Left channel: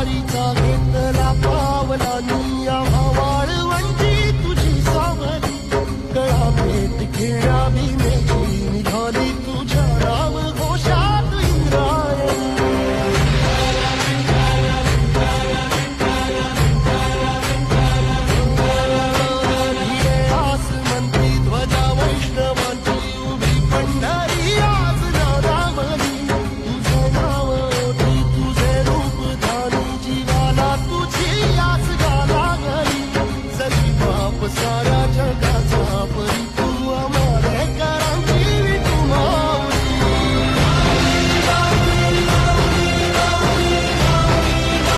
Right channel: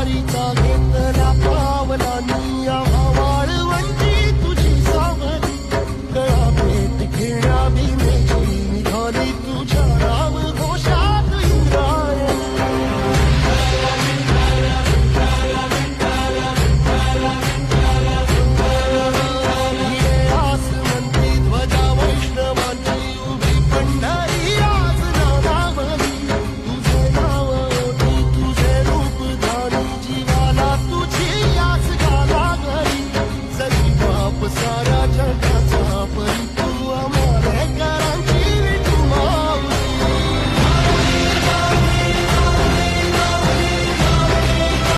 वारीचा घेतला पावलानी आम्हा वाळवंटी तुझी सावली गळा भेट घेण्या भीमेची निघाली तुझ्या नाम घोषात